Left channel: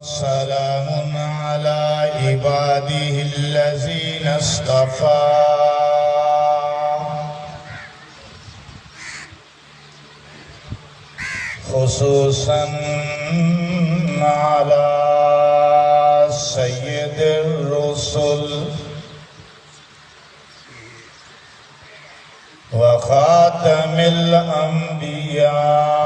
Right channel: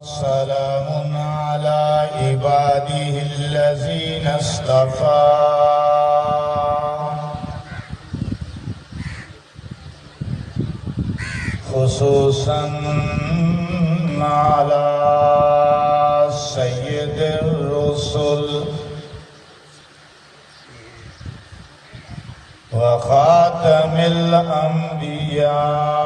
سلام على عباده الذين اصطفى خصوصا على سيد الرسل وخاتم الأنبياء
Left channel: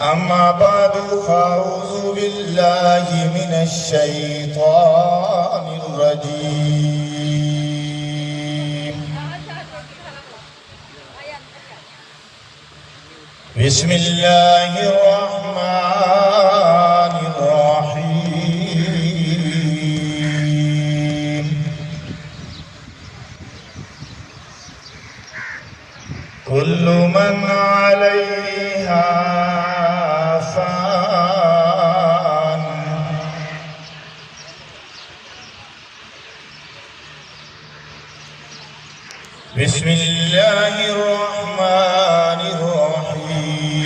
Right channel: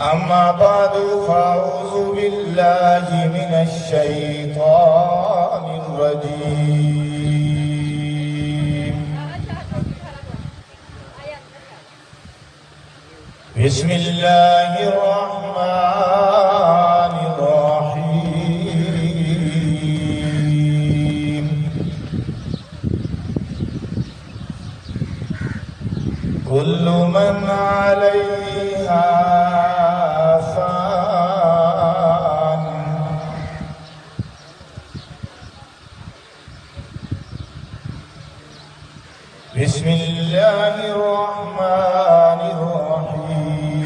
أما بعد فأعوذ بالله من الشيطان الرجيم بسم الله الرحمن الرحيم كل من عليها بسم الله الرحمن الرحيم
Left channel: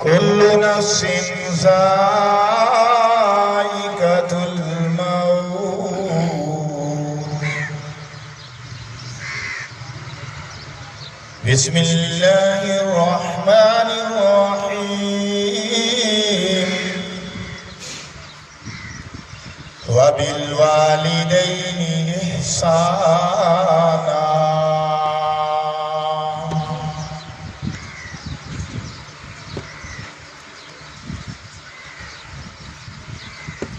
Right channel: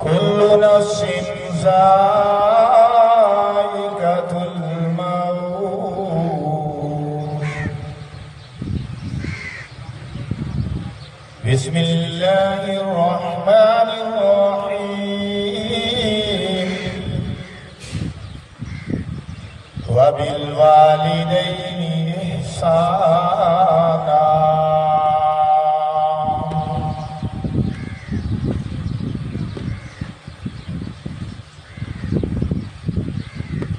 كل نفس ذائقة الموت بسم الله الرحمن الرحيم وبالوالدين إحسانا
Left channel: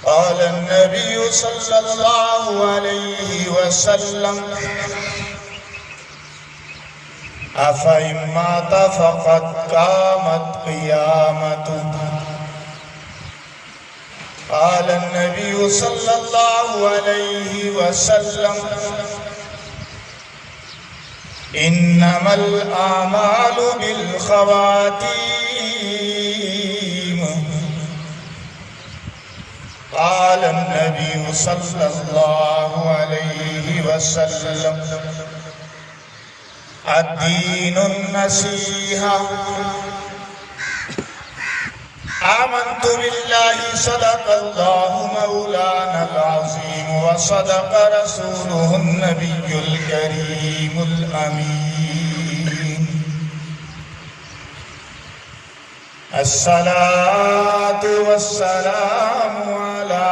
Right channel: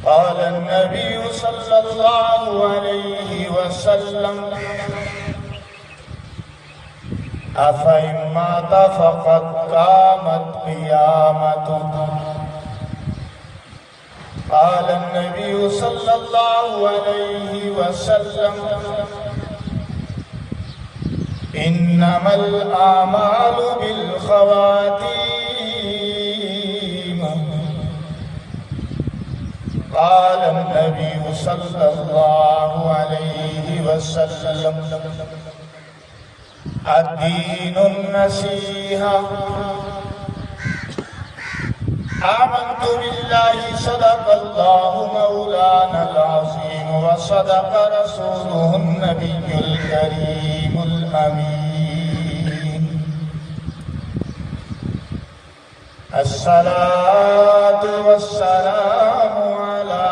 قال النبي صلى الله عليه وسلم أفإن مات فقد قامت قيامته قال النبي صلى الله عليه وسلم إنما الأعمال بالخواتيم قال النبي صلى الله عليه وسلم الدين النصيحة آمنت بالله صدق الله مولانا العظيم وصدق رسوله النبي الكريم الأمين الصلاة والسلام على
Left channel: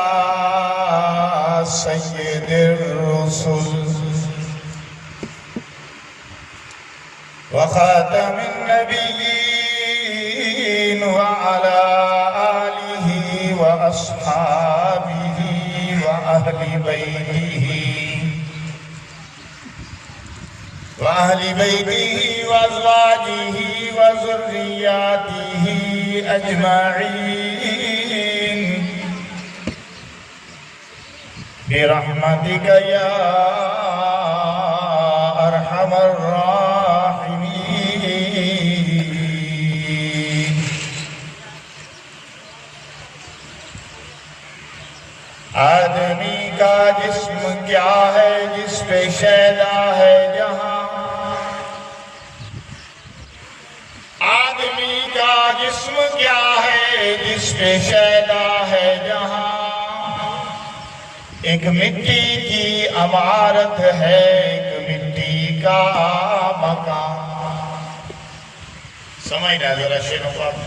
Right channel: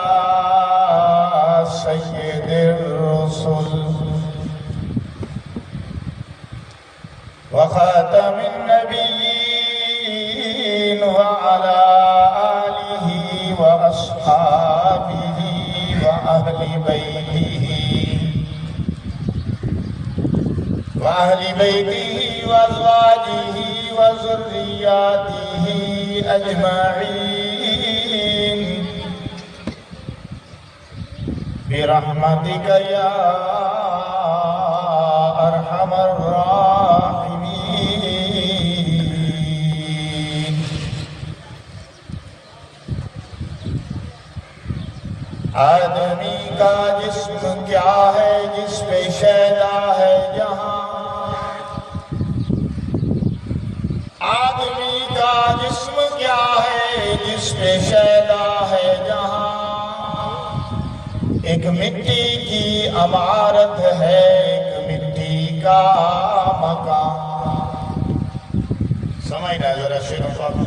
سيد الرسل وخاتم النبيين وعلى آله وأصحابه وأهل بيته وأزواجه وذرياته أجمعين برحمتك يا أرحم الراحمين آدمی کا جسم کیا ہے جس پہ شیدا ہے جہاں آدمی کا جسم کیا ہے جس پہ شیدا ہے جہاں ایک مٹی کی عمارت ہے ایک مٹی کا مکان سمجھنا ذرا شیروں پر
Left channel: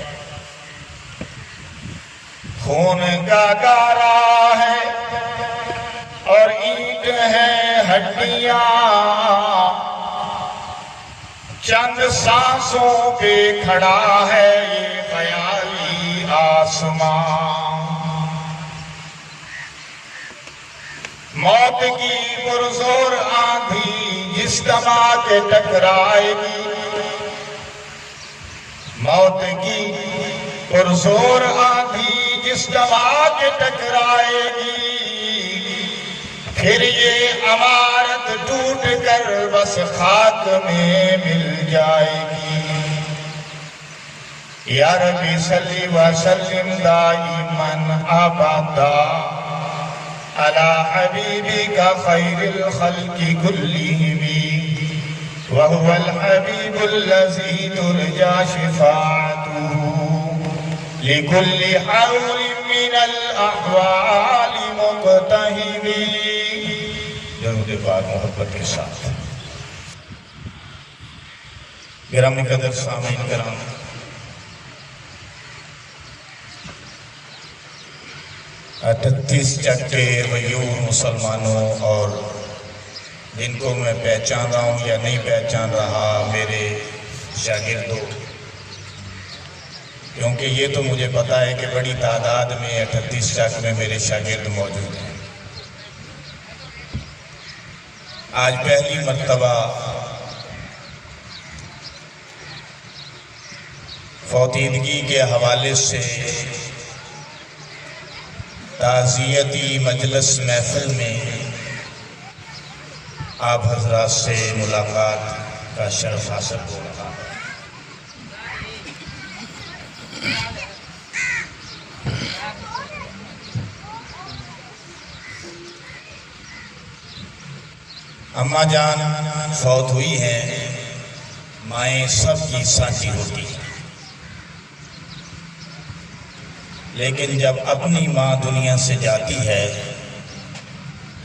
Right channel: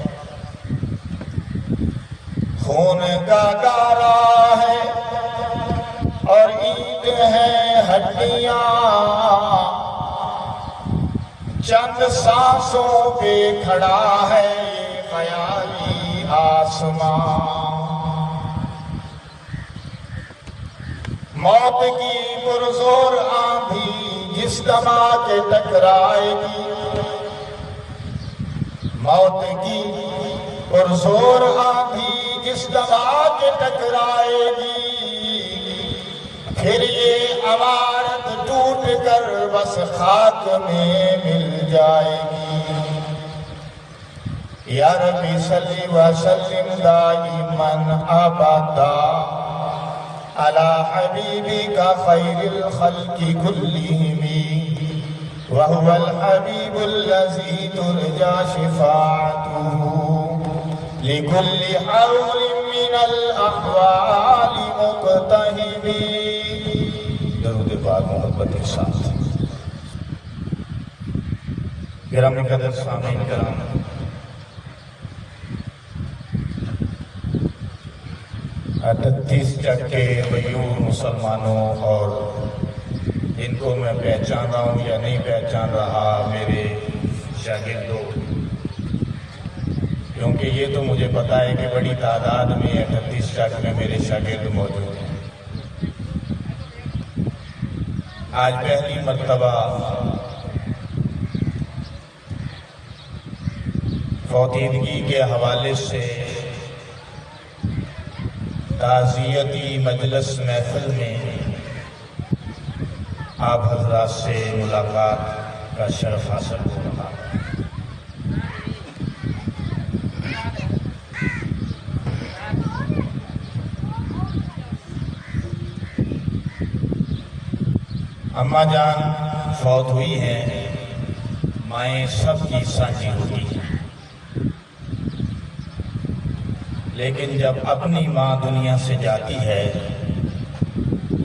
خون کا گارا ہے اور اینٹ ہے ہڈیاں چند سانسوں پہ کھڑا ہے یہ خیالی آسمان موت کی پرزور آندھی جس دماغ کے ٹکرائے گی موت کی پرزور آندھی جس دماغ کے ٹکرائے گی پھر یہ عمارت ٹوٹ کر بس خاک میں مل جائے گی یا ربی صلی وسلم دائماً ابدا على حبيبك خير الخلق كلهم وهو الحبيب الذي ترجى شفاعته لكل حول من الأحوال مقتهب. درود پاک محبت کے ساتھ. گرامی قدر سامعین کرام، اٹھتیس چک کے غیور مسلمانوں اور ان کو میں پہچان رہا ہوں یا نہیں پہچان رہا میرے شاگردوں، کیونکہ یہ تو مجھے پتا ہے کہ بڑی تعداد میں 38 چک میں میرے شاگرد موجود ہیں. آج پہلی مرتبہ فوتیدگی کے حوالے سے تعزیتی مجلس محفل میں آپ حضرات سے ملاقات کا شرف حاصل ہو رہا. اماں جان فوت ہوئی ہیں. مائیں سب کی سانجی ہوتی ہیں، لیکن جب اپنی ماں دنیا سے جاتی ہے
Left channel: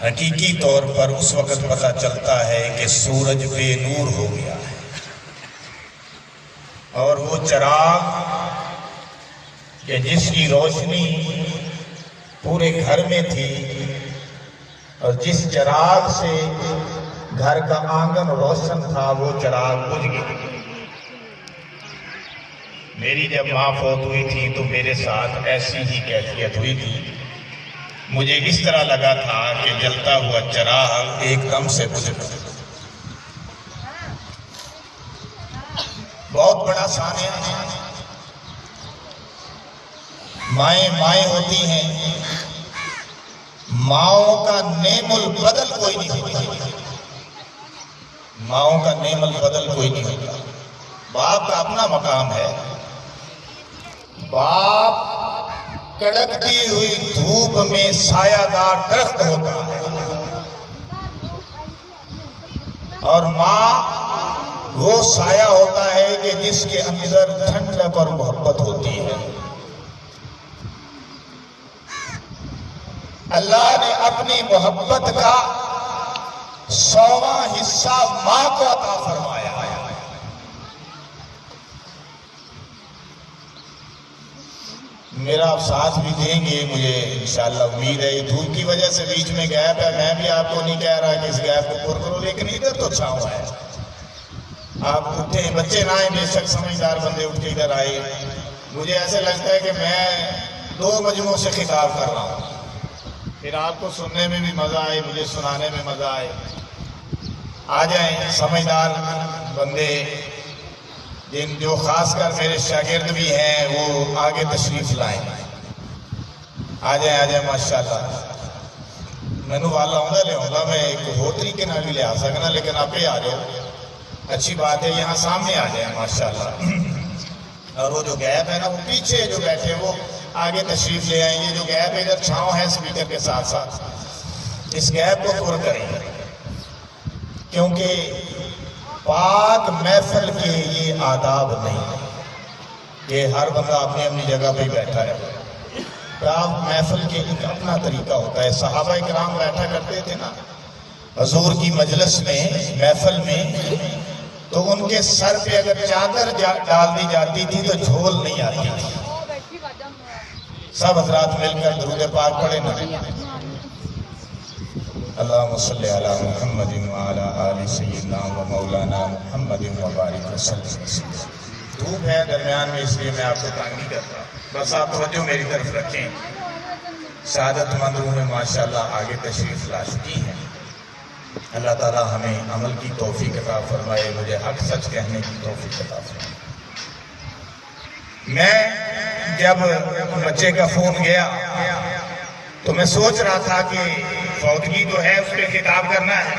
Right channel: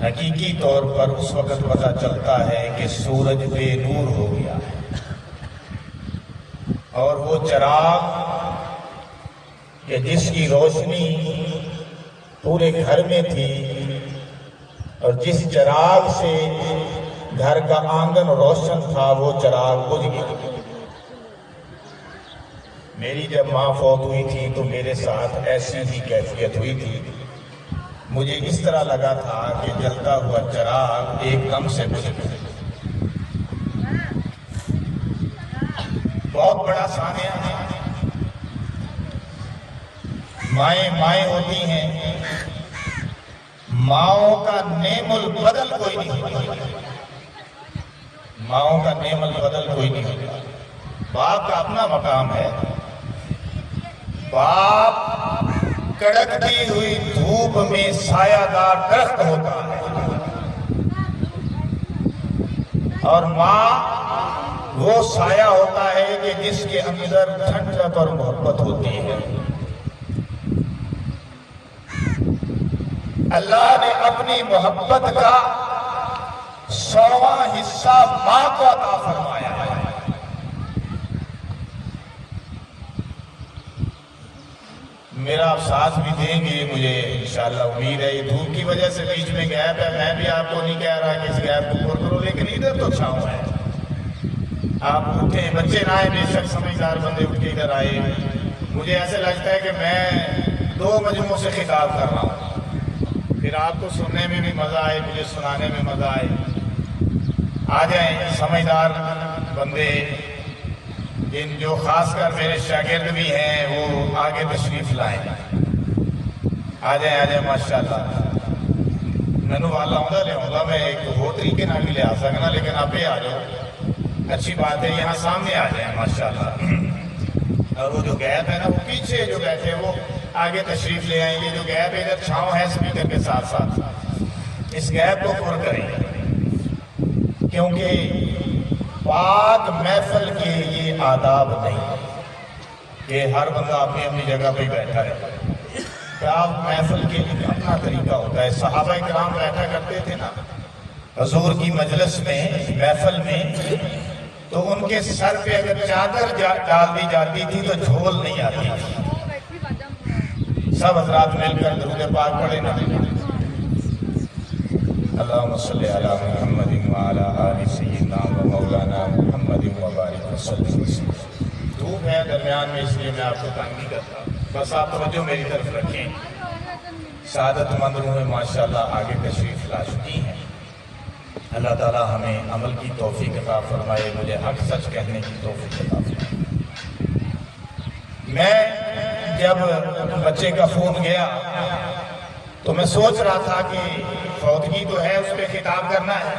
حقیقی طور پر اس وقت پتہ چلتا ہے کہ سورج بے نور ہو گیا ہے، اور وہ چراغ کہ جس کی روشنی پورے گھر میں تھی اور جس چراغ سے گھر کا آنگن روشن تھا وہ چراغ بجھ گیا. میری جب ماں فوت ہوئی تھی تو میرے ساتھ ایسی ہی کیفیت ہوئی تھی. مجھے اس طرح لگا تھا کہ جلتا ہوا چراغ ایک دم سے بجھ گیا. بہت بڑا سانحہ ہے. مائیں ہوتی ہیں، ماؤں کا نعم البدل کوئی نہیں ہوتا. ماؤں کا نعم البدل کوئی نہیں ہوتا. باپ کا اپنا مقام ہے. باپ کڑکتی ہوئی دھوپ میں سایہ دار درخت ہوتا ہے، اور ماں وہ سایہ ہوتا ہے کہ جس کے اندر ٹھنڈک اور محبت ہوتی ہے. اللہ نے اپنی محبت کا 100واں حصہ ماں کو عطا فرمایا ہے. میرا آپ ساتھ بھی دیں گے مجھے انشاءاللہ امید ہے. یہ دھوپ کی وجہ سے بیچ میں گیپ ہے. میں بھی آپ کو نہیں کہہ رہا کہ اس گیپ کو پور کرو، لیکن ادھر تو چھاؤں ہے. آپ اٹھے، بچے نہ آئے، بے شک سمجھدار بندے اٹھ کے ادھر آئے. مجھے ایسے لگتا ہے کہ میں 2 مجموعوں سے خطاب کر رہا ہوں. پھر آپ کو سننے میں بھی مزہ آئے، مجھے سنانے میں مزہ آئے. آ جائیں سمجھدار بندے، جن جو خاص کر میرے شاگرد بھی ہیں، وہ آگے تشریف لائیں. آ جائیں ماشاءاللہ. میں نے والا لے آؤں گا، میں ایک ہو طریقے نہ بھی لے آ سکنا، لیکن آپ ہی آ جاؤ. اچھی بات ہے، یہاں سامنے آ جائیں ماشاءاللہ. اور وہ جو گیپ ہے نا، وہ پیچھے جو بیٹھے وہ آگے تشریف لے آئیں. یہ جو گیپ ہے ادھر چھاؤں ہے اسپیکر کے ساتھ ساتھ، اس گیپ کو پر کریں، کیونکہ پاک محفل کے یہ آداب نہیں کہ ہر بندہ اپنی اپنی جگہ پہ بیٹھا ہے. پاک محفل کے ایک اپنا طریقہ ہوتا ہے. صحابہ کرام بیٹھا کرتے تھے نا حضور کی مجلس میں، محفل میں، تو ان کے سر پہ اگر چادر ڈال دی جاتی تھی تو جھول نہیں آتی تھی. سب حضرات مل کر درود پاک پڑھے نا. اللہم صلی علی محمد وعلی آل سیدنا و مولانا محمد وبارک وسلم. دھوپ ہے درمیان میں، اس لیے میں آپ کو تنگ نہیں کرتا. بس آپ توجہ میری طرف رکھیں. سعادت مند روحیں ماشاءاللہ آگے تشریف لا چکی ہیں. اللہ تعالی ہمیں عمل کی توفیق عطا فرمائے، مجھے حق سچ کہنے کی توفیق عطا فرمائے. میں جب بچے کا فون گیا تو میں سوچ رہا تھا کہ فوتگی تو ہے، اس پہ خطاب کرنا ہے،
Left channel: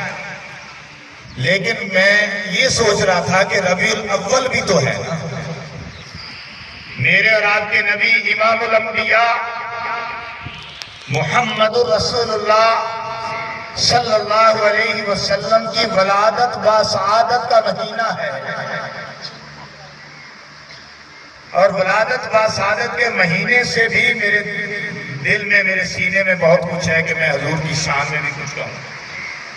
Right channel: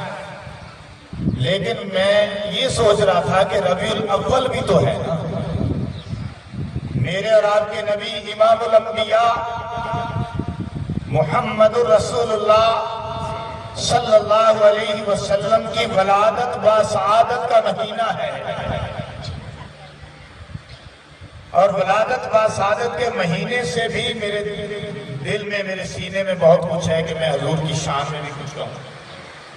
لیکن میں یہ سوچ رہا تھا کہ ربیع الاول بھی تو ہے نا. میرے اور آپ کے نبی امام الانبیاء محمد رسول اللہ صلی اللہ علیہ وسلم کی ولادت باسعادت کا مہینہ ہے، اور ولادت باسعادت کے مہینے سے بھی میرے دل میں، میرے سینے میں بہت کچھ ہے کہ میں حضور کی شان میں بھی کچھ کہوں۔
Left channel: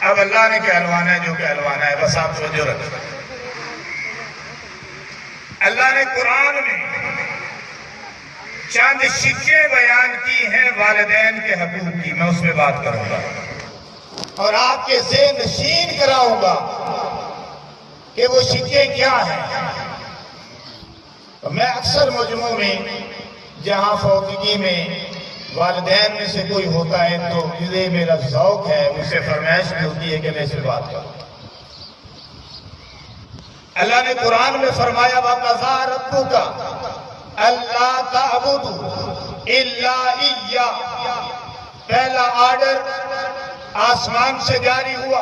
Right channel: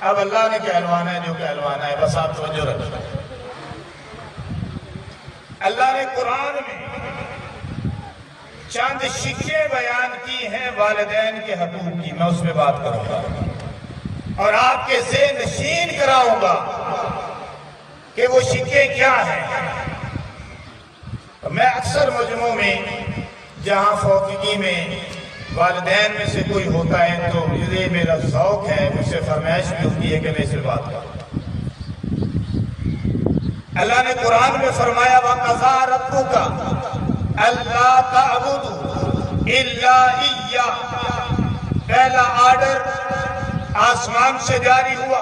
اب اللہ نے کہلوانا ہے جو کہلوانا ہے، بس آپ توجہ رکھیں۔ اللہ نے قرآن میں چند شکیں بیان کی ہیں والدین کے حقوق کی، میں اس پہ بات کروں گا اور آپ کے ذہن نشین کراؤں گا کہ وہ شکیں کیا ہیں۔ میں اکثر مجمعوں میں جہاں فوقیگی میں والدین میں سے کوئی ہوتا ہے تو یہ میرا ذوق ہے، مجھ سے فرمائش بھی ہوتی ہے کہ میں اس پہ بات کروں۔ اللہ نے قرآن میں فرمایا وَقَضَىٰ رَبُّكَ أَلَّا تَعْبُدُوا إِلَّا إِيَّاهُ، پہلا آرڈر آسمان سے جاری ہوا،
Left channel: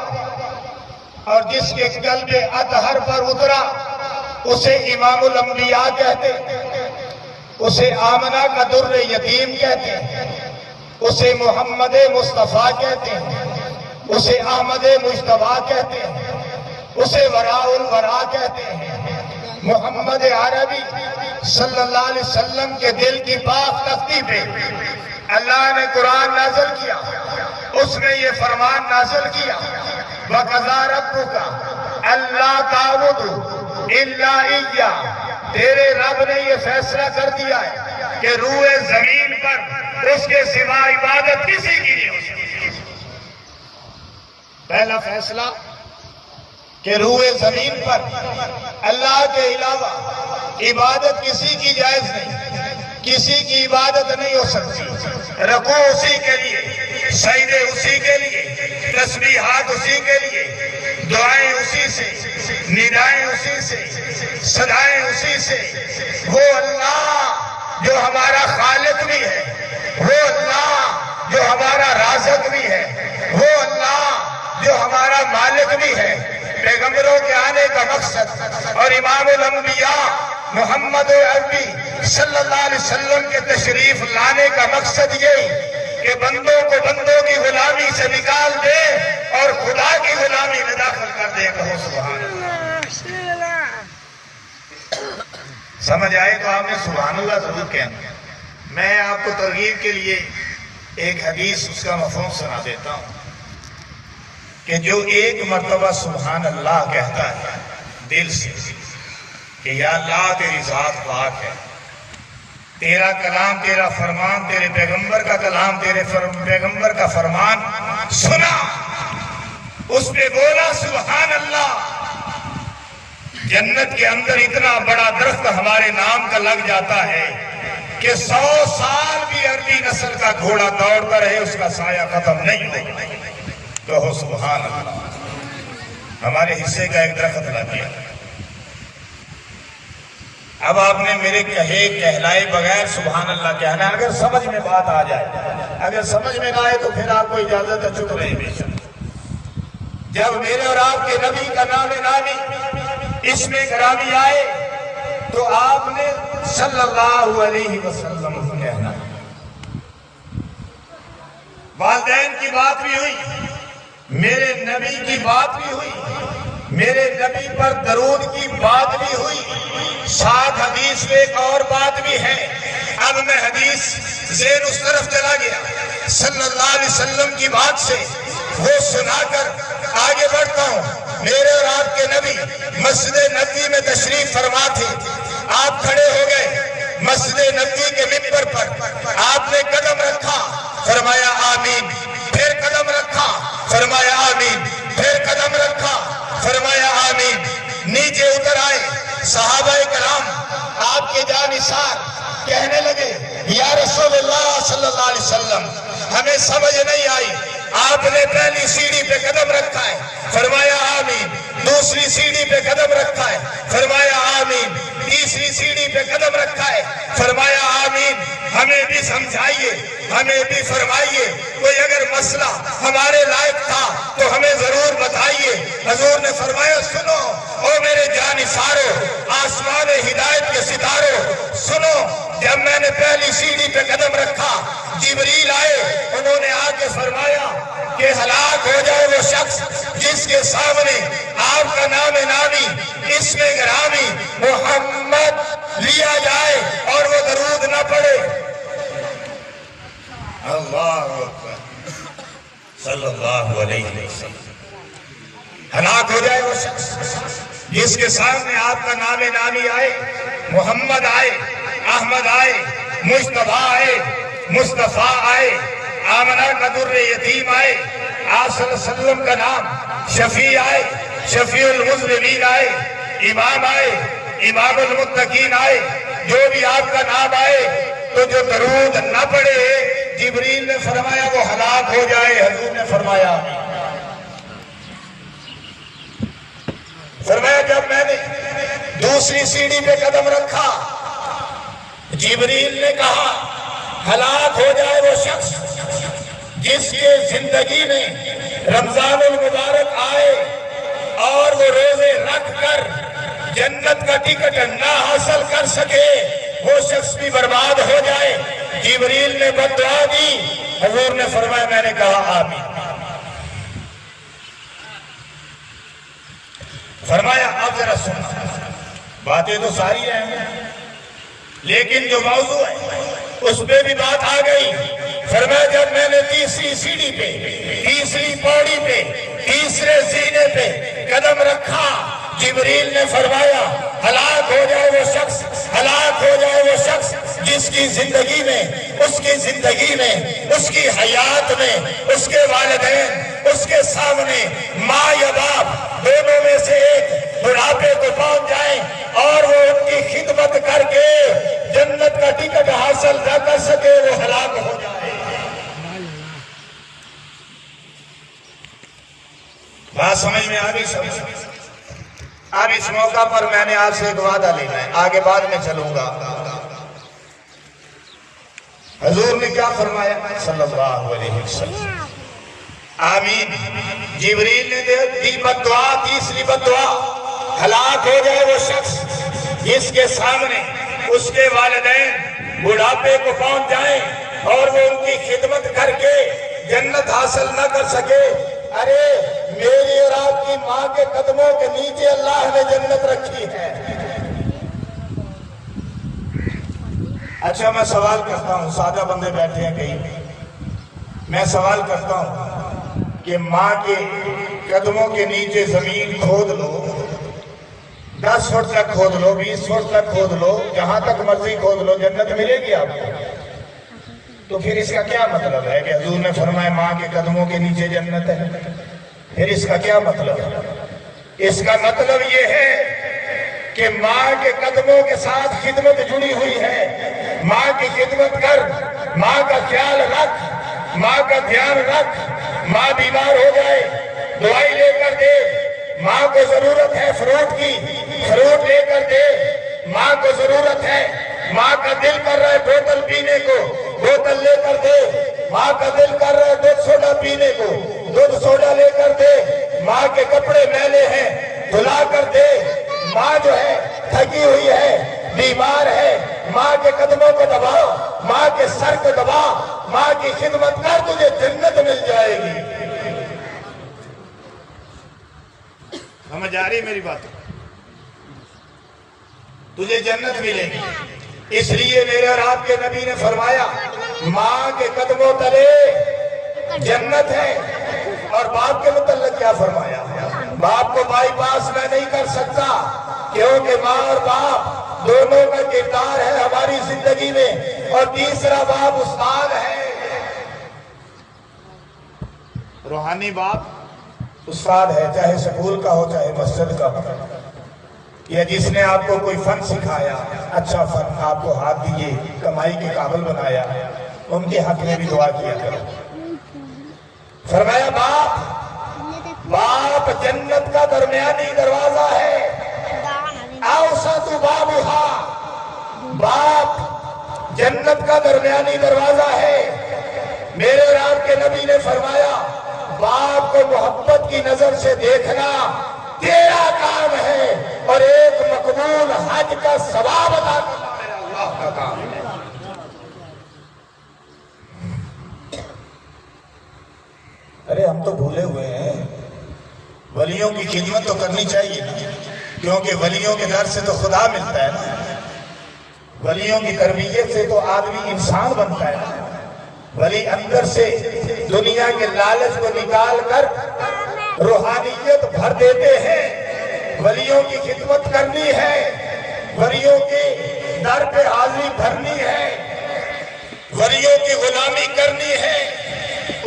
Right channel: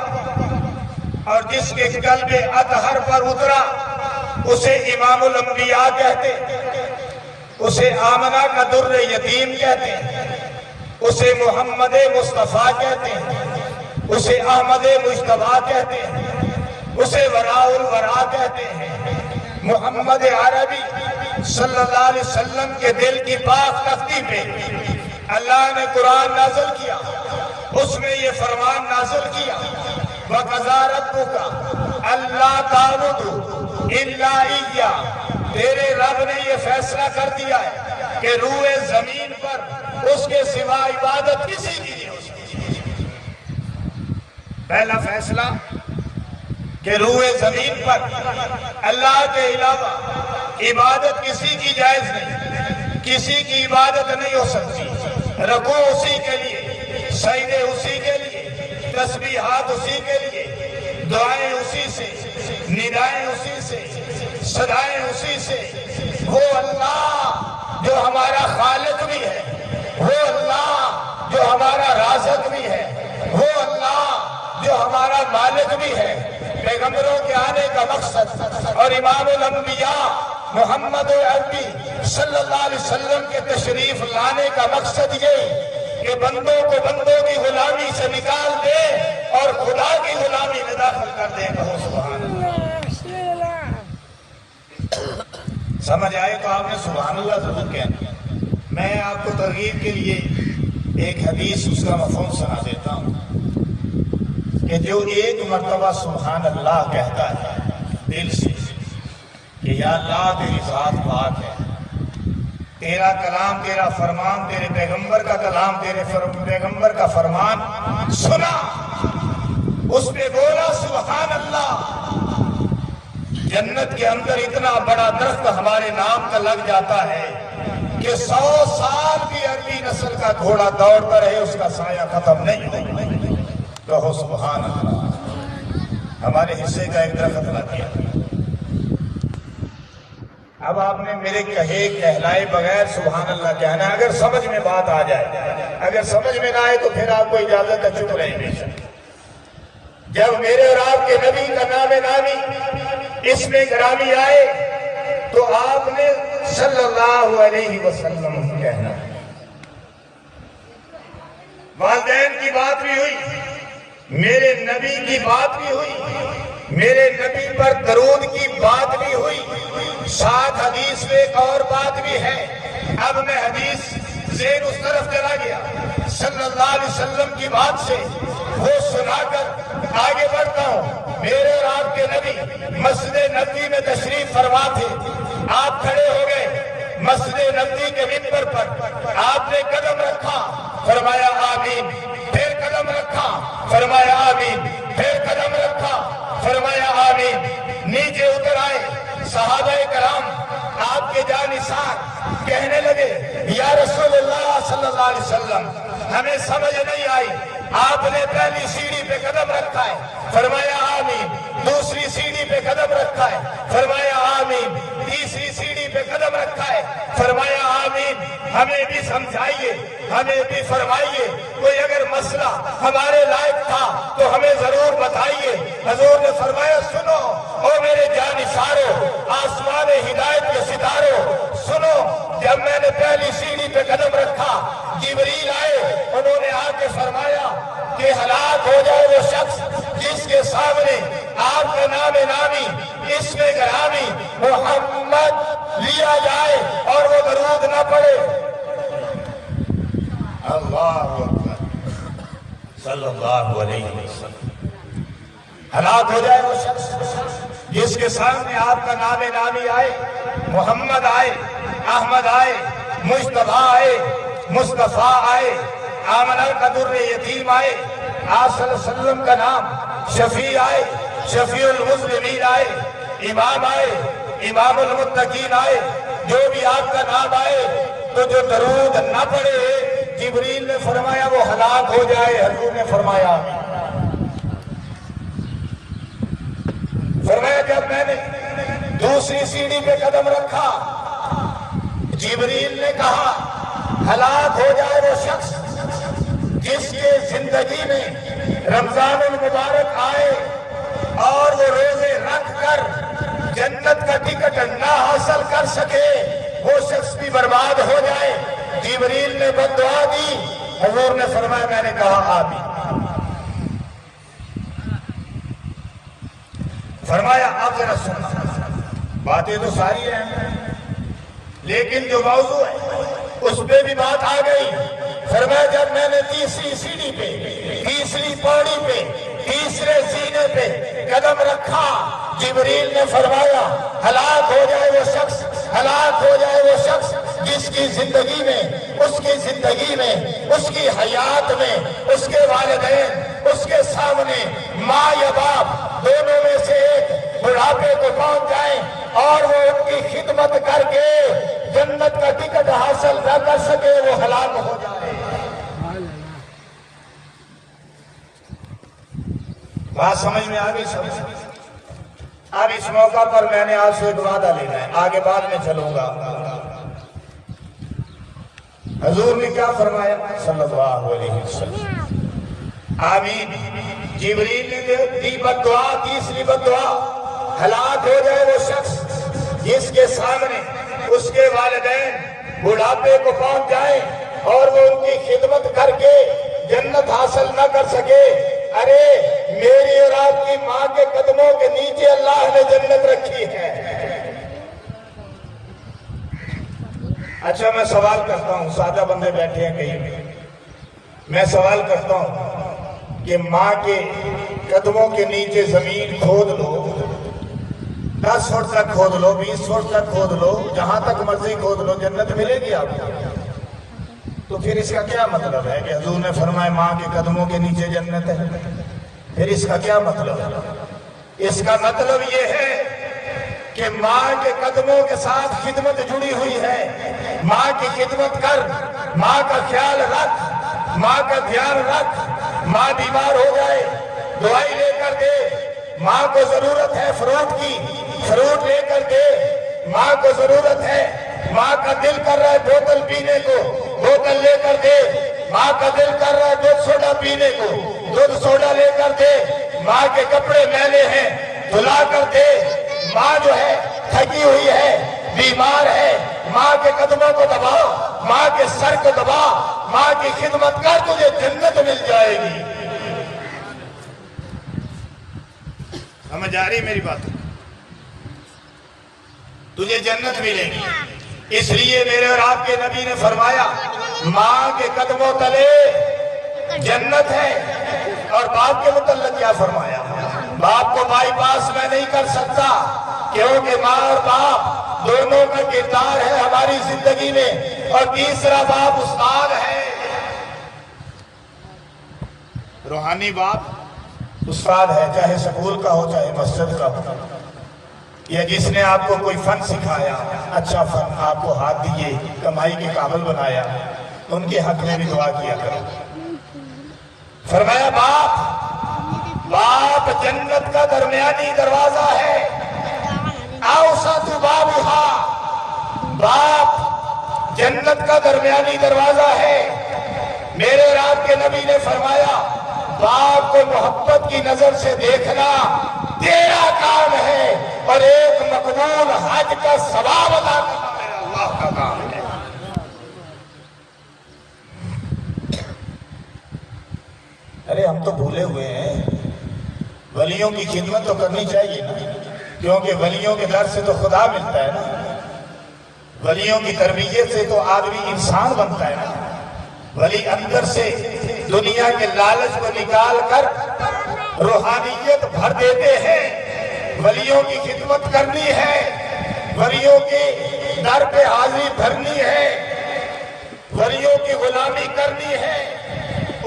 اور جس کے قلب اطہر پر اترا اسے امام الانبیاء کہتے ہیں، اسے آمنہ کا در یتیم کہتے ہیں، اسے محمد مصطفیٰ کہتے ہیں، اسے احمد مجتبیٰ کہتے ہیں، اسے وراء الورا کہتے ہیں۔ محمد عربی صلی اللہ علیہ وسلم کے دل کی پاک تختی پہ اللہ نے قرآن نازل کیا، اس میں یہ فرمان نازل کیا وَقَضَىٰ رَبُّكَ أَلَّا تَعْبُدُوا إِلَّا إِيَّاهُ، تیرے رب نے یہ فیصلہ کر دیا ہے کہ روئے زمین پر اس کے سوا عبادت کسی کی نہیں ہو سکتی۔ پہلا فیصلہ کہ روئے زمین پر اللہ کے علاوہ عبادت کسی کی جائز نہیں، کسی کی عبادت نہیں ہو سکتی۔ رکوع اسی کے لیے، سجدے اسی کے لیے، تسبیحات اسی کے لیے، دعائیں اسی سے، ندائیں اسی سے، صدائیں اسی سے۔ وہ اللہ جو ہمارا خالق بھی ہے، وہ اللہ جو ہمارا رازق بھی ہے، وہ اللہ جو ہمارا مالک بھی ہے۔ پیغمبروں کے آنے کا مقصد اور امام الانبیاء محمد عربی صلی اللہ علیہ وسلم کے تشریف لانے کا مقصد یہ کہ بندوں کو بندوں کی غلامی سے نکال دے اور خدا کی غلامی میں داخل کر دے۔ کہو سبحان اللہ۔ سمجھ آئے تو آپ نے سبحان اللہ ضرور کہنا۔ میں آپ کو ترغیب کے لیے ایک حدیث اس کا مفہوم سنا دیتا ہوں کہ جو ایک مرتبہ سبحان اللہ کہتا ہے دل سے کہ یا اللہ تیری ذات پاک ہے، تیرا کلام، تیرا فرمان، تیرے پیغمبر کا کلام، تیرے پیغمبر کا فرمان سنا، اس پہ بولا سبحان اللہ، جنت کے اندر اتنا بڑا درخت ہمارے نام کا لگ جاتا ہے کہ 100 سال بھی عربی نسل کا گھوڑا دوڑتا رہے اس کا سایہ ختم نہیں ہوگا۔ کہو سبحان اللہ۔ ہمارے حصے کا ایک درخت لگ گیا۔ اب آپ نے میرے کہلائے بغیر سبحان اللہ کہنا ہے۔ اگر سمجھ میں بات آ جائے، اگر سمجھ میں نہ آئے تو پھر آپ کو اجازت ہے چپ رہے بے شک۔ جب میرے اور آپ کے نبی کا نام نامی اس میں گرامی آئے تو آپ نے صلی اللہ علیہ وسلم کہنا ہے۔ والدین کی بات بھی ہوئی، میرے نبی کی بات بھی ہوئی، میرے نبی پر درود کی بات بھی ہوئی، ساتھ حدیث میں ایک اور بات بھی ہے۔ اب میں حدیث ذہن اس طرف چلا گیا، صلی اللہ علیہ وسلم کی بات سے وہ سنا کر آگے بڑھتا ہوں۔ میرے اور آپ کے نبی مسجد نبوی میں تشریف فرما تھے، آپ کھڑے ہو گئے مسجد نبوی کے ممبر پر، آپ نے قدم رکھا، فرمایا آمین، پھر قدم رکھا، فرمایا آمین، پھر قدم رکھا، فرمایا آمین۔ نیچے اتر آئے صحابہ کرام، آپ کے جانثار کہنے لگے یا رسول اللہ صلی اللہ علیہ وسلم ہمیں سمجھ نہیں آئی، آپ نے پہلی سیڑھی پہ قدم رکھا ہے، فرمایا آمین، دوسری سیڑھی پہ قدم رکھا ہے، فرمایا آمین، تیسری سیڑھی پہ قدم رکھا ہے، فرمایا آمین۔ ہمیں بھی سمجھائیے، ہمیں بھی فرمائیے، کوئی اگر مسئلہ ہمارے لائق تھا تو ہمیں ضرور بتائیے۔ حضور نے فرمایا سنو او میرے جانثارو، آسمان ہدایت کے ستاروں، سنو، جب میں نے پہلی سیڑھی پہ قدم رکھا جبریل آئے، انہوں نے آ کے فرمایا کہ ہلاک ہو جائے وہ شخص جس کے سامنے آپ کا نام نامی اسم گرامی محمد لیا جائے اور وہ درود نہ پڑے۔ اللہ اکبر صلی اللہ علیہ وسلم۔ ہلاک ہو جائے وہ شخص جس کے سامنے آپ کا نام نامی آئے، محمد آئے، احمد آئے، مصطفیٰ آئے، مصطفیٰ آئے، آمنہ کا در یتیم آئے، آپ صلی اللہ علیہ وسلم کا نام شفیع آئے، شفیع المذنبین آئے، امام آئے، امام المتقین آئے، جو بھی آپ کا نام آئے تو جو درود نہ پڑے، جبریل نے فرمایا وہ ہلاک ہو جائے۔ حضور نے فرمایا جب میں نے دوسری سیڑھی پہ قدم رکھا، جبریل نے کہا ہلاک ہو جائے وہ شخص جس کے زندگی میں رمضان المبارک آئے اور وہ روزے رکھ کر جنت کا ٹکٹ نہ حاصل کر سکے، وہ شخص بھی برباد ہو جائے۔ جبریل نے بد دعا دی، حضور نے فرمایا میں نے کہا آمین۔ فرمایا اب ذرا سن، باتیں تو ساری رہیں ہیں لیکن جو موضوع ہے اس پہ بھی بات آ گئی۔ فرمایا جب میں نے تیسری سیڑھی پہ، تیسری پوڑی پہ، تیسرے زینے پہ قدم رکھا، جبریل نے فرمایا ہلاک ہو جائے وہ شخص، ہلاک ہو جائے وہ شخص جس کی زندگی میں، اس کی زندگی میں، اس کی حیات میں، اس کے والدین اس کے سامنے ماں یا باپ دونوں میں سے ایک بڑھاپے کو پہنچ جائیں اور وہ ان کی خدمت کر کے جنت کا ٹکٹ حاصل نہ کر سکے، وہ ہلاک ہو جائے۔ بات سمجھ میں آ گئی؟ اب اس موقع پر میں نے آپ سے ایک وعدہ لینا ہے، آگے بعد میں چلوں گا۔ حضور نے کیا فرمایا صلی اللہ علیہ وسلم؟ آمین۔ جبریل نے دی بد دعا، تیسری بد دعا، ہلاک ہو جائے وہ شخص جس کے سامنے اس کے والدین بڑھاپے کو پہنچ جائیں اور وہ ان کی خدمت کر کے جنت حاصل نہ کر سکے۔ ارے میری اور آپ کی ماں کے قدموں کے نیچے اللہ نے جنت رکھی ہے۔ اچھا میں سوال کرتا ہوں، سادہ بندے بیٹھے ہیں کہیں، میں سوال کرتا ہوں کہ ماں کے قدموں کے نیچے زمین کھود لو، 10 فٹ تک کھود لو، 20 فٹ تک کھود لو، جہاں تک مرضی کھود لو، جنت ملے گی آپ کو؟ تو پھر اس کا کیا مطلب ہے کہ حضور نے فرمایا ماں کے قدموں کے نیچے جنت ہے؟ پھر اس کا کیا مطلب ہے؟ اس کا مطلب یہ ہے کہ ماں کے قدموں کے ساتھ خدمت جڑی ہوئی ہے۔ ماں کی خدمت کر، ماں کا خیال رکھ، ماں کا دھیان رکھ۔ ماں بیمار ہو جائے دوائی لے کر دے، ماں کو ضرورت ہے فروٹ کی، فروٹ لے کر دے۔ ماں کو ضرورت ہے، ماں کا دل کر رہا ہے بوتل پینے کو، بوتل لے کر دے۔ ماں کا دل کر رہا ہے دودھ سوڈا پینے کو، دودھ سوڈا لے کر دے۔ ماں کے کپڑے میلے ہیں، دھلا کر دے۔ ماں جو ہے تھکی ہوئی ہے، بیمار ہے، ماں کے قدموں کو دبا، ماں کے سر کو دبا، ماں کی خدمت کر، تجھے جنت مل جائے گی۔ سمجھ آ رہی میری بات؟ تجھے جنت ملے گی۔ اس لیے میرے اور آپ کے نبی نے فرمایا ماں کے قدموں تلے جنت ہے۔ اور باپ کے متعلق کیا فرمایا؟ باپ کو بائی پاس میں نہیں کر سکتا، کیونکہ ماں اور باپ دونوں کا کردار ہے ہماری زندگی میں۔ اور تیسرا باپ استاد ہے، روحانی باپ استاد ہے، چاہے سکول کا ہو چاہے مسجد کا ہو، یا جس نے آپ کو کوئی فن سکھایا، اچھا فن آپ کو ہاتھ دیے، کمائی کے قابل بنایا، ان کے حق میں بھی دعا کیا کرو۔ فرمایا باپ جنت کا درمیانی دروازہ ہے، اوسط بابھا، باپ جنت کا درمیانی دروازہ ہے۔ میرے اور آپ کے نبی نے فرمایا باپ کو محبت کی نظر سے دیکھنا تیرا کام ہے، اور ایک مقبول حج کا ثواب ادا کرنا میرا اللہ کا کام ہے۔ ارے ہم تو بھولے ہوئے ہیں، ولیوں کی خدمت تو کرنی چاہیے نا، کیونکہ ولیوں کے در سے تو خدا ملتا ہے نا، ولیوں کی تربیت سے تو آدمی انسان بنتا ہے نا۔ ولی اندر سے دنیا کے لالچ کو نکال کر روحانیت بھر دیتے ہیں۔ ولیوں کی خدمت کرنی ہے، ولیوں کے در پہ حاضری بھرنی ہے، ولیوں کی غلامی کرنی ہے،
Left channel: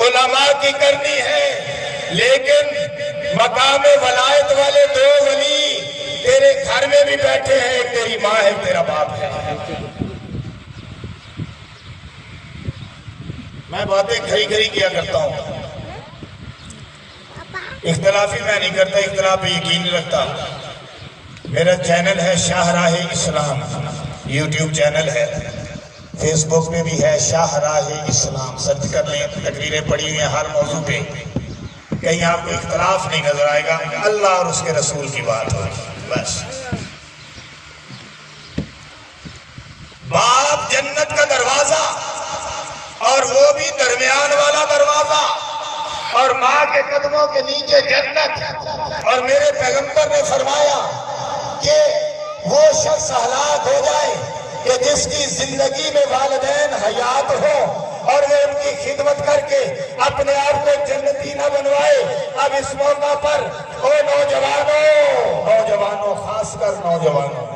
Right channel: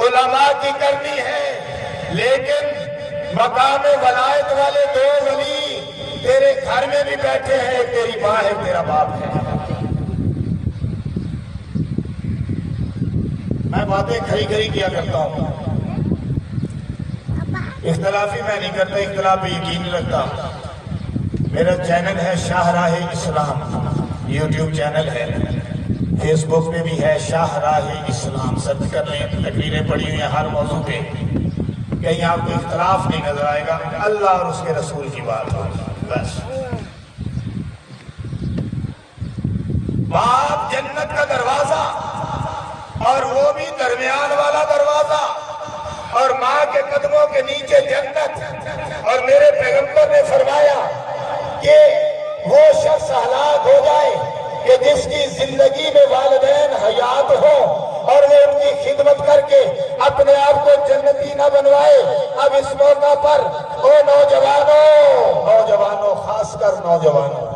علماء کی کرنی ہے، لیکن مقام ولایت والے دو ولی تیرے گھر میں بھی بیٹھے ہیں، تیری ماں ہے، تیرا باپ ہے۔ میں باتیں کھری کھری کیا کرتا ہوں، اختلافی میں نہیں کرتا، اختلافی یقین رکھتا۔ میرا چینل ہے شاہراہ اسلام، یوٹیوب چینل ہے، فیس بک پہ بھی ہے شاہراہ اسلام، سرچ کر لیں، تقریریں پڑھی ہوئی ہیں ہر موضوع پہ، کہیں آپ کو اختلاف نہیں نظر آئے گا، اللہ اور اس کے رسول کی بات ہوگی بس۔ باپ جنت کا دروازہ، اور وہ بھی درمیان والا دروازہ، اور ماں کے قدموں کے نیچے جنت، اور میرے پیغمبر نے فرمایا کہ وہ شخص ہلاک ہو جائے کہ جس کی زندگی میں والدین حیات ہو اور وہ ان کی خدمت کر کے اپنے آپ کو جنتی نہ بنوائے۔ اب اس موقع پر او نوجوانوں، خاص کر نوجوانوں،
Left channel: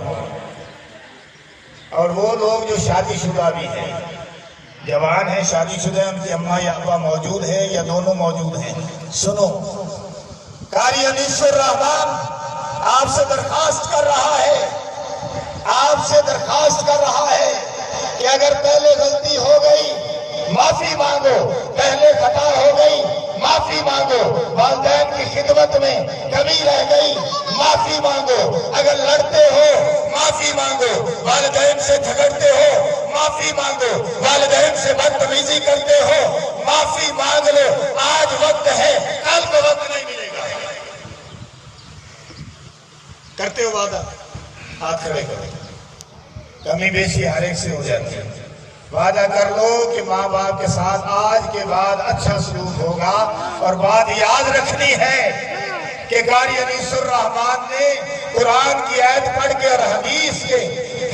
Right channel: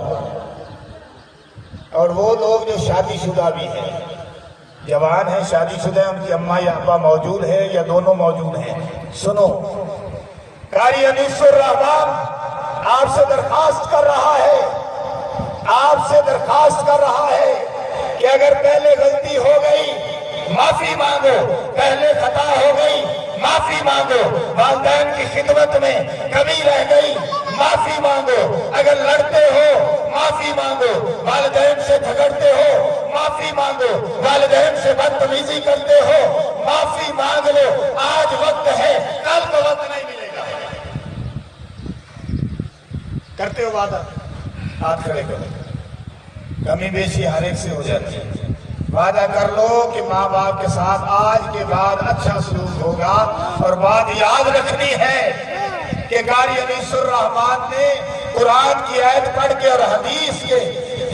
اور وہ لوگ جو شادی شدہ بھی ہیں، جوان ہیں، شادی شدہ، ان کی اماں یا ابا موجود ہے یا دونوں موجود ہیں، سنو، قاری انیس الرحمان آپ سے درخواست کر رہا ہے، آپ سے درخواست کر رہا ہے کہ اگر پہلے غلطی ہو گئی معافی مانگو، پہلے خطا ہو گئی معافی مانگو، والدین کی خدمت میں کمی رہ گئی معافی مانگو، اگر لڑتے ہو معافی مانگو، والدین سے جھگڑتے ہو معافی مانگو، والدین سے بدتمیزی کرتے ہو معافی مانگ لو، آج وقت ہے، کل کو وقت نہیں ملے گا۔ کرتے ہو وعدہ؟ ہاتھ کھڑے کرو، کمی بیشی ہر ایک سے ہو جاتی ہے، وعدہ کر لو کہ ماں باپ کے ساتھ آج کے بعد اچھا سلوک ہوگا، اور بات یاد رکھنی ہے کہ قاری انیس الرحمان نے قرآن کی آیت پڑھ کے اور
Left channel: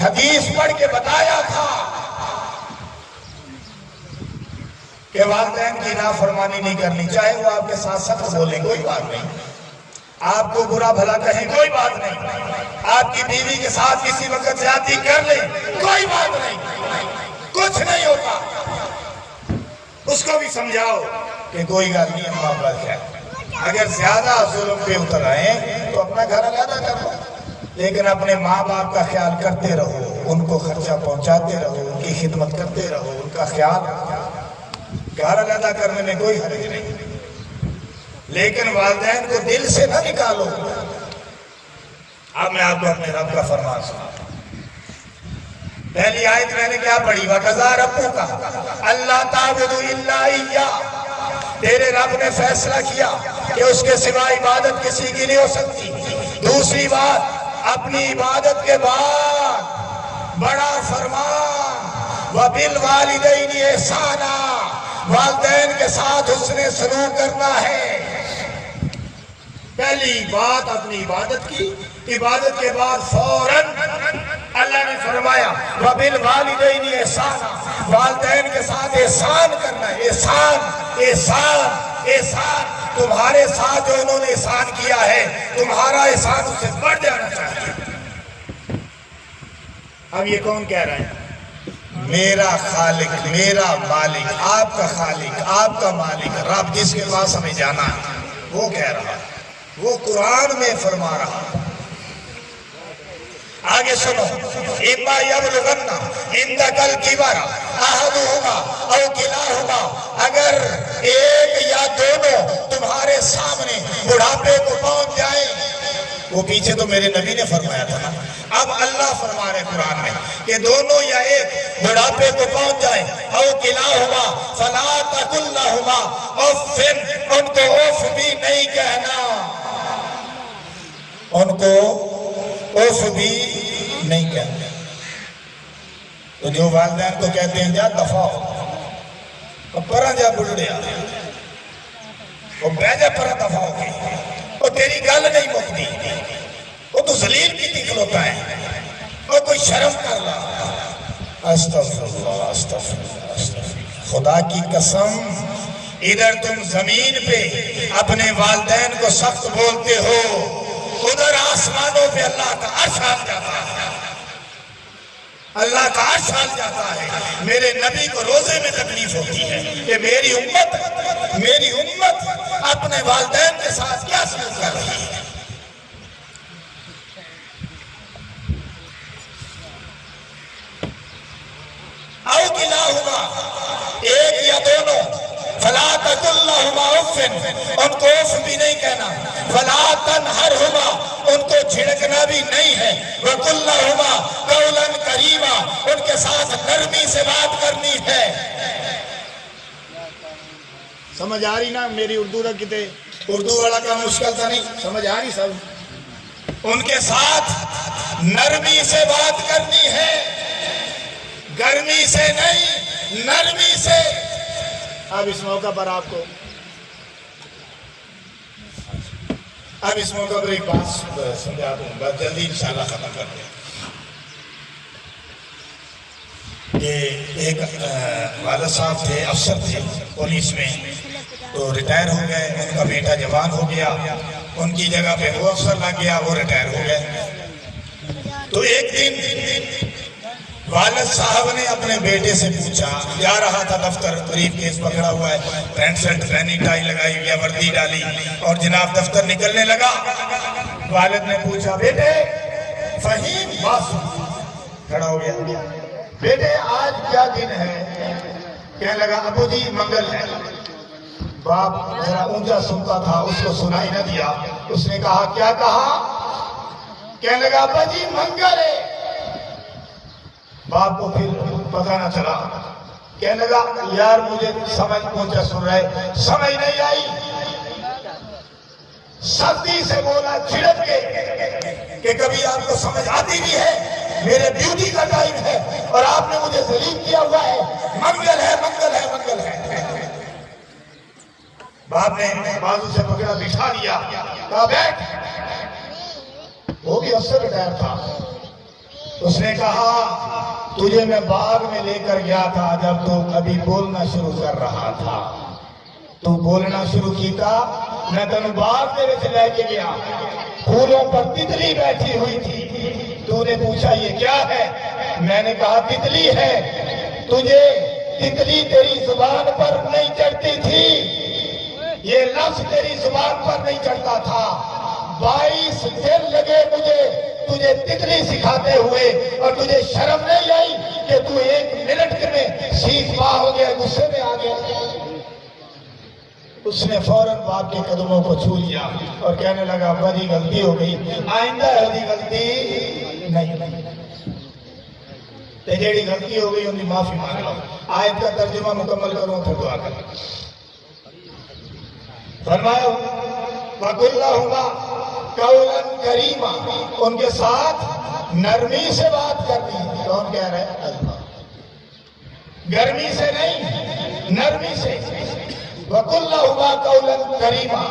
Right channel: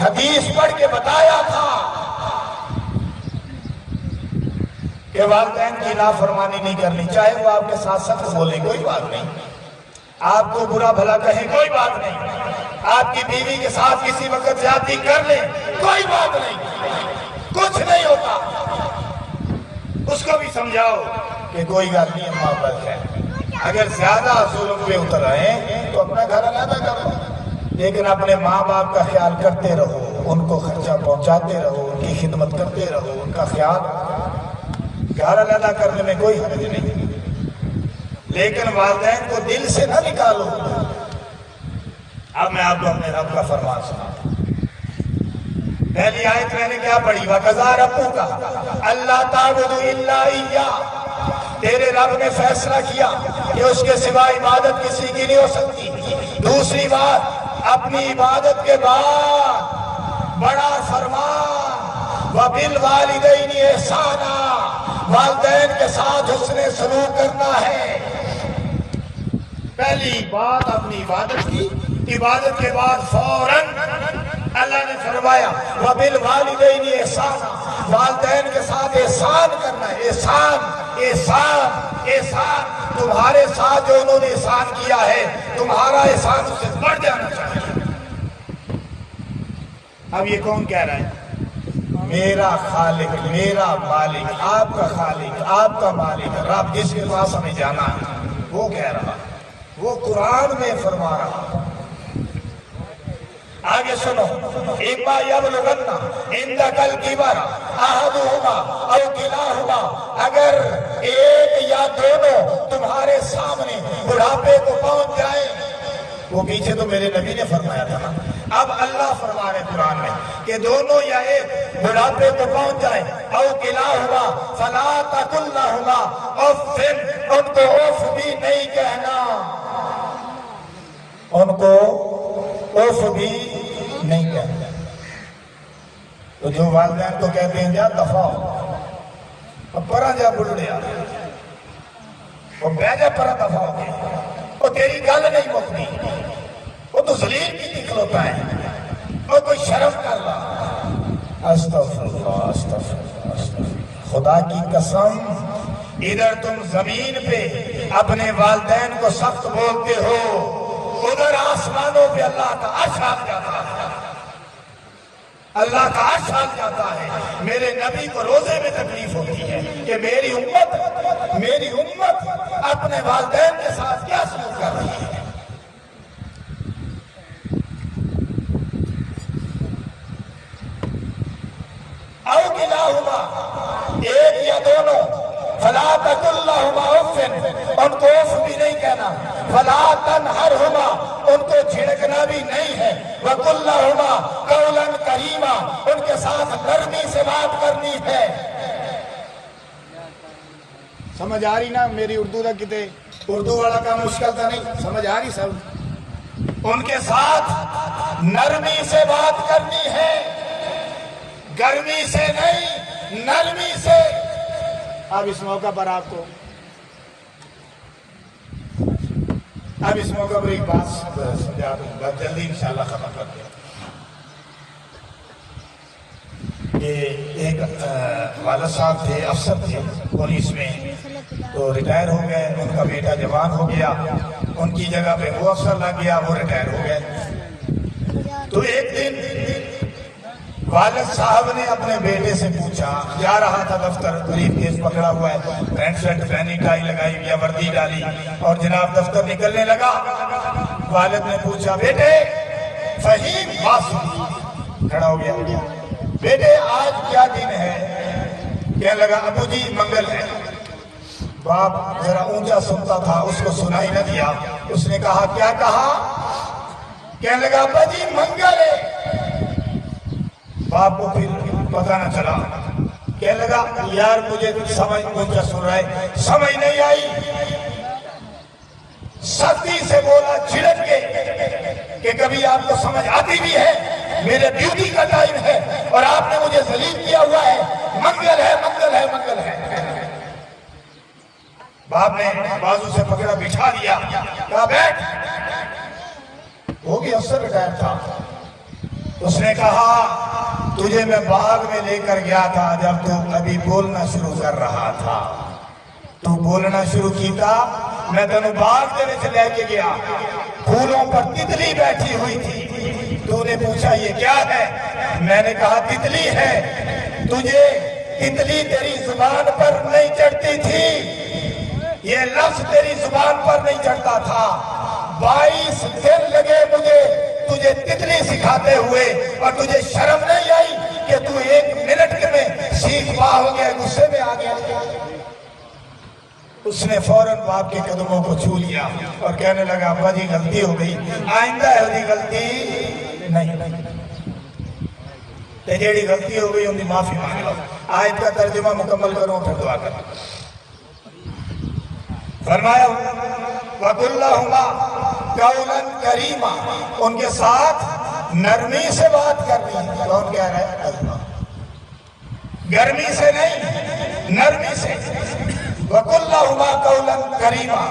حدیث پڑھ کے بتایا تھا کہ والدین کی نافرمانی نہیں کرنی، چاہے وہ آپ کے ساتھ سخت بولیں کوئی بات نہیں، آپ کو برا بھلا کہیں کوئی بات نہیں، آپ کی بیوی کے ساتھ کسی وقت زیادتی کر لیں کوئی بات نہیں، کچھ نہیں ہوتا، اس کو بھی سمجھاؤ کہ کوئی گل نہیں، محبت ہے، اگر زیادہ ظلم پہ اتر آئیں تو اپنا گھر علیحدہ کر لو، لیکن اپنے ماں باپ کا خیال کرتے رہو، ان کو خرچہ پہنچاتے رہو، ان کی خدمت کرتے رہو، ان کا خیال، گھر علیحدہ کرنے میں کوئی حرج نہیں، لیکن والدین کو دل سے نہ نکالو۔ اب میں آپ کو اپنے رب کا فرمان سناتا ہوں، پہلی آیت میں نے کیا پڑھی؟ وَقَضَىٰ رَبُّكَ أَلَّا تَعْبُدُوا إِلَّا إِيَّاهُ، تیرے رب نے فیصلہ کیا کہ اس کے سوا عبادت کسی کی نہیں ہو سکتی۔ دوسری بات، اپنی عبادت کے بعد بڑا فرمان وَبِالْوَالِدَيْنِ إِحْسَانًا، والدین کے ساتھ حسن سلوک کرنا ہے۔ پہلی بات اپنی عبادت کی، عبادت کے بعد فوراً اللہ نے فرمایا وَبِالْوَالِدَيْنِ إِحْسَانًا، والدین کے ساتھ احسان کرنا ہے، احسان احسان احسان، تمہارے ساتھ جو انہوں نے احسان کیا ہے تمہارا احسان اس سے بڑھ جانا چاہیے۔ اب یہ کون کہہ رہا ہے؟ میرا خالق، میرا مالک، آپ کا خالق، آپ کا مالک، رب جس کے پاس ہمیں جانا ہے وہ کہہ رہا ہے، وہ قرآن میں فرما رہا ہے۔ آگے سنو، اِمَّا يَبْلُغَنَّ عِندَكَ الْكِبَرَ أَحَدُهُمَا أَوْ كِلَاهُمَا، اگر ایک یا دونوں تمہارے سامنے بڑھاپے کو پہنچ جائیں، وہ پیچھے تو میرے نبی نے فرمایا تھا نا، اب اللہ فرما رہے قرآن میں کہ دونوں یا ایک بڑھاپے کو پہنچ جائیں، أَوْ كِلَاهُمَا فَلَا تَقُلْ لَهُمَا أُفٍّ، ان کو اف بھی نہیں کہنا، ان کو اف بھی نہیں کہنا۔ تو جو والدین کو کہتے ہیں جا دفع ہو، اب پرا جا بڑھڑے آتے، وہ بیجے پر دفع ہو گئی، وہ تیری گل نہیں مکتی، وہ تو ذلیل کی تھی کھلوتا ہے، وہ کوئی شرم کر رہا۔ استغفراللہ استغفراللہ استغفراللہ، خدا کی قسم ادھر تم زمین پہ اپنے والدین کو سخت بولتے ہو، ادھر آسمانوں پہ اللہ کا عرش آ جاتا ہے، اللہ کا عرش آ جاتا ہے۔ میرے نبی کو روزے میں تکلیف ہوتی ہے کہ میری امت اپنے والدین کے ساتھ کیا سلوک کر رہی ہے۔ او کلاہما، ایک یا دونوں، فلا تقل لہما اف، ان کو اف بھی نہیں کہنا، فلا تنہرہما، ان کو جھڑکنا بھی نہیں ہے، وقل لہما قولا کریما، ان کے ساتھ نرمی سے بات کرنی ہے۔ سمجھ آ رہی نا میری اردو کا کتے؟ اردو والا کا مشکل تھا نہیں، سمجھ آ رہی سب؟ ان کے ساتھ نرمی سے بات کرنی ہے، گرمی سے نہیں، نرمی سے۔ اب اس موقع پر آپ کو ایک بات سمجھا دوں، بس جلدی انشاءاللہ ختم کرتے ہیں۔ یہ ایک والد صاحب تھے، افسر تھے پولیس میں، تو ریٹائر ہو گئے، ان کا بیٹا جوان ہو گیا، ان کی جگہ پہ وہ افسر لگ گیا، وہ ریٹائر ہو گئے۔ تو ایک دن والد صاحب نے اپنے بیٹے سے پوچھا، جا رہا تھا دفتر، بریف کیس پکڑا ہوا ہے، پینٹ شرٹ پہنی، ٹائی لگائی ہوئی ہے، وردی ڈالی، اور جناب دفتر نکلنے لگا۔ والد نے پوچھا، بیٹے فہیم، بات سن، کھڑا ہو گیا، بیٹے آج کیا دن ہے؟ کہنے لگا ابو جی منگل ہے۔ باپ ذرا اونچا سنتا تھا، اس کو سنائی نہ دیا، اس نے کہا کیا کہا؟ کہنے لگا ابا جی منگل ہے۔ باپ کو پھر پتہ نہ چلا، کہنے لگا یار مجھے سمجھ اونچا سن رہا ہے، سمجھ نہیں آئی۔ سختی سے بولا، جھڑک کے، کہ کبھی آپ کو سمجھ آتی بھی ہے، میرے ڈیوٹی کا ٹائم ہے اور آپ نے مجھے ذلیل کیا ہوا ہے، منگل ہے منگل ہے منگل ہے۔ باپ نے بازو سے پکڑا، بٹھا لیا، کہا بیٹھ۔ وہ بھی افسر ریٹائر تھا، اس نے کہا تجھے میں باغ میں لے کر گیا تھا جب تو ابھی بولنا شروع کر رہا تھا، تو بولنا شروع کیتا، میں تنو باغ تیرے سے لے کے گیا، پھولوں پر تتلی بیٹھی ہوئی تھی، تو نے پوچھا یہ کیا ہے؟ میں نے کہا تتلی ہے۔ تجھے تتلی تیری زبان پر نہیں چڑھتی تھی، یہ لفظ تیری زبان پر نہیں چڑھتا تھا، 22 دن لگے مجھے تجھے تتلی سکھاتے ہوئے، اور تجھے شرم نہیں آئی کہ تو 1 منٹ میں سیکھ پا ہو گئے، غصے میں آ گیا۔ اس نے فوراً باپ کے قدموں کو چھو لیا اور کہنے لگا ابا جی غلطی ہو گئی، آئندہ ایسی غلطی نہیں، تے جیڑی غلطی ہو گئی ان کی معافی مانگ لو۔ آیت کا ترجمہ مکمل کروں پھر دعا کروں۔ فرمایا وَقُلْ لَهُمَا قَوْلًا كَرِيمًا، ان کے ساتھ نرمی سے بات کرنی ہے۔ کون کہہ رہا ہے؟ اللہ۔ گرمی سے نہیں، نرمی سے۔ وَقُلْ لَهُمَا قَوْلًا كَرِيمًا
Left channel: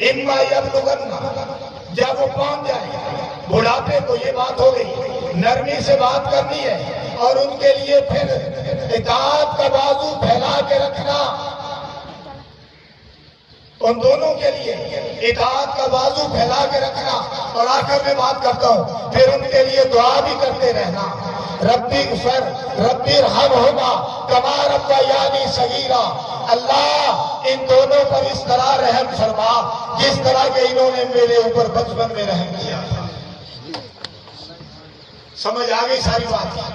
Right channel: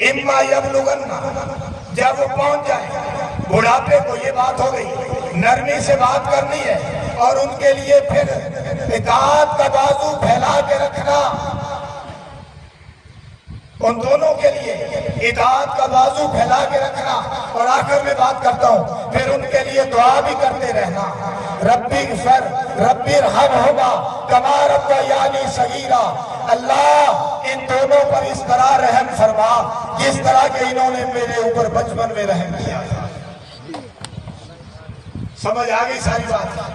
إِمَّا يَبْلُغَنَّ، جب وہ پہنچ جائیں بڑھاپے کو، یہ بات ہو گئی، نرمی سے بات کرنی ہے، اور ان کے لیے پھر اطاعت کا بازو پھیلا کے رکھنا، ان دونوں کے لیے اطاعت کا بازو پھیلا کے رکھنا۔ اور آخر میں بات کرتا ہوں، پھر ان کے لیے دعا بھی کرتے رہنا، ربی اغفر ربی ارحمہما کما ربیانی صغیرا، اللہ ان دونوں پر اس طرح رحم فرما جس طرح کہ انہوں نے میرے اوپر بچپن میں رحم کیا تھا۔ سمجھ آ گئی ساری بات؟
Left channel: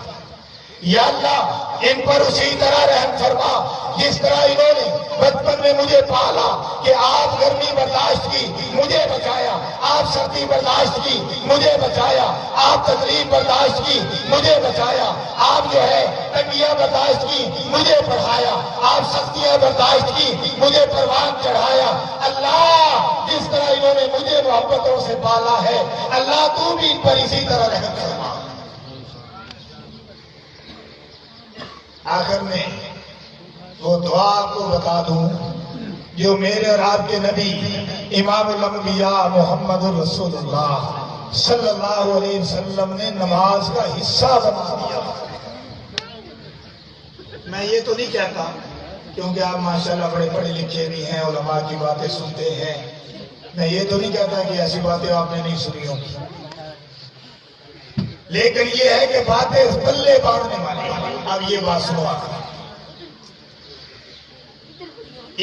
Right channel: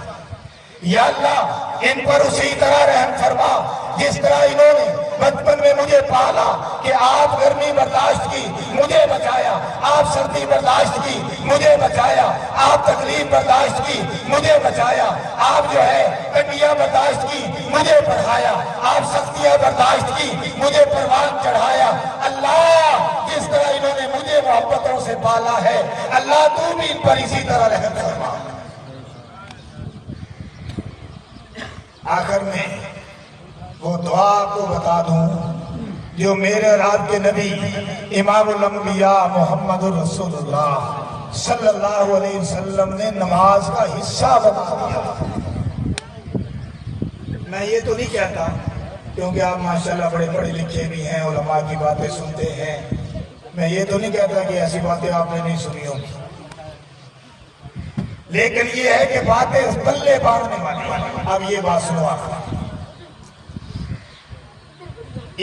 یا اللہ ان پر اسی طرح رحم فرما جس طرح انہوں نے بچپن میں مجھے پالا، کہ آپ گرمی برداشت کی مجھے بچایا، آپ سردی برداشت کی مجھے بچایا، آپ تکلیف برداشت کی مجھے بچایا، آپ جو ہے تنگیاں برداشت کی مجھے پڑھایا، آپ سختیاں برداشت کی مجھے پروان چڑھایا۔ اللہ جس طرح انہوں نے مجھے محبتوں سے پالا ہے، اللہ تو بھی ان پر اسی طرح رحم فرما۔ آخر میں وہ دعا کو بتا دوں جو میرے اور آپ کے نبی امام الانبیاء محمد الرسول اللہ صلی اللہ علیہ وسلم نے نماز کا حصہ بنا دیا. میں یہ تو نہیں کہتا کیونکہ آپ ماشاءاللہ بڑے پڑھے لکھے بھی ہیں، علماء کی باتیں سنتے ہیں، میں یہ تو نہیں کہتا کہ ایسی باتیں آپ نے نہیں سنی ہوگی، لیکن یہ ہے کہ باتیں اس پلے باندھنے والی. اب یہ بات سنو آپ،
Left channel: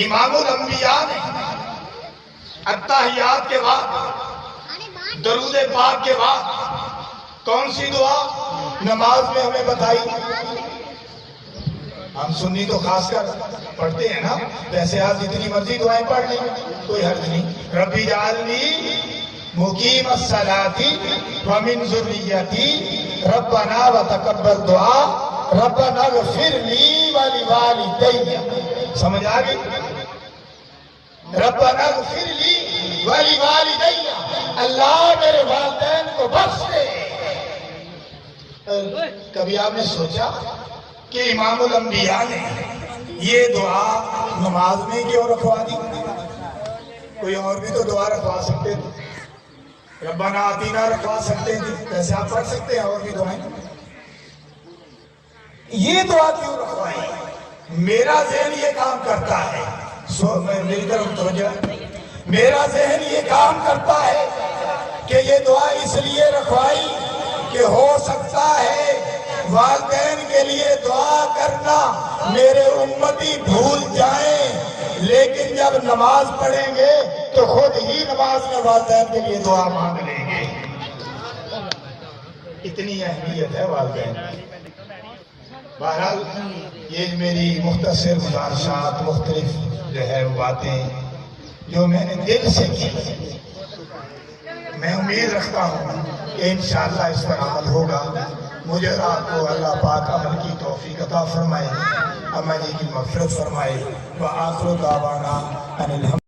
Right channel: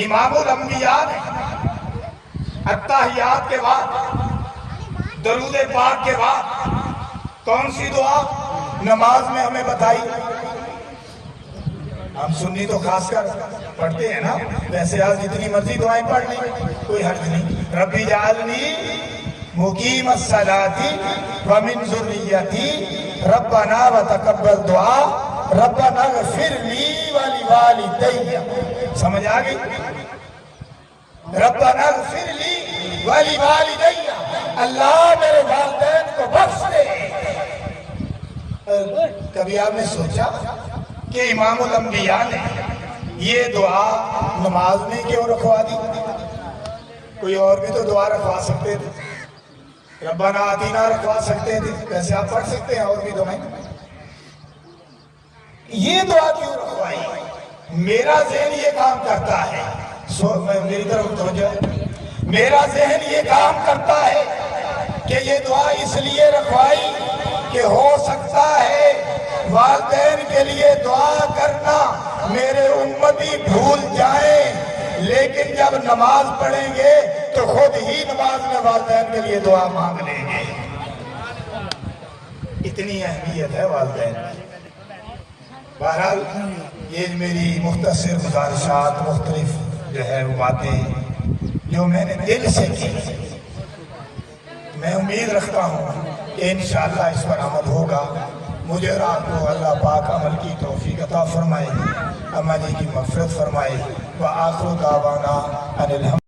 امام الانبیاء نے اتحیات کے بعد، درود پاک کے بعد کون سی دعا نماز میں ہمیں بتائی؟ ہم سنی تو خاص کر پڑھتے ہیں نا، ویسے آج جتنی مرضی دعائیں پڑھ لیں کوئی حرج نہیں. ربی جعلنی مقیم الصلاۃ ومن ذریتی ربنا وتقبل دعا ربنا اغفر لی ولوالدی. سمجھ آ گئی؟ ربنا اغفر لی ولوالدی، اللہ میرے والدین کو بخش دے. کبھی آپ نے سوچا کہ امام الانبیاء نے یہ دعا نماز میں کیوں رکھوا دی؟ کوئی اور بھی تو دعا رکھوا سکتے تھے، ربنا آتینا رکھوا سکتے تھے، ویسے آپ پڑھ سکتے ہیں اور بھی دعائیں. یہ دعا کیوں رکھوائی؟ میرا ذہن یہ کام کرتا ہے، میری طرف توجہ، میرا ذہن یہ کام کرتا ہے کہ یہ دعا اس لیے رکھوائی کہ ہو سکتا ہے والدین کے لیے دعا کرنا میرے امتی بھول جائیں، لیکن جب نماز پڑھیں گے تو خود ہی نماز میں والدین کے لیے دعا مانگ لیں گے. اتنی اہمیت ہے والدین کی. بہرحال یہ میری مختصر گزارشات، مختلف جو ہے وہ باتیں جو میں نے دل سے کی، میں امید رکھتا ہوں کہ انشاءاللہ اس پر عمل ہوگا. مجھے آپ کو اللہ پاک عمل کی توفیق عطا فرمائے، امانی کی مغفرت فرمائے. وآخر دعوانا ان الحمد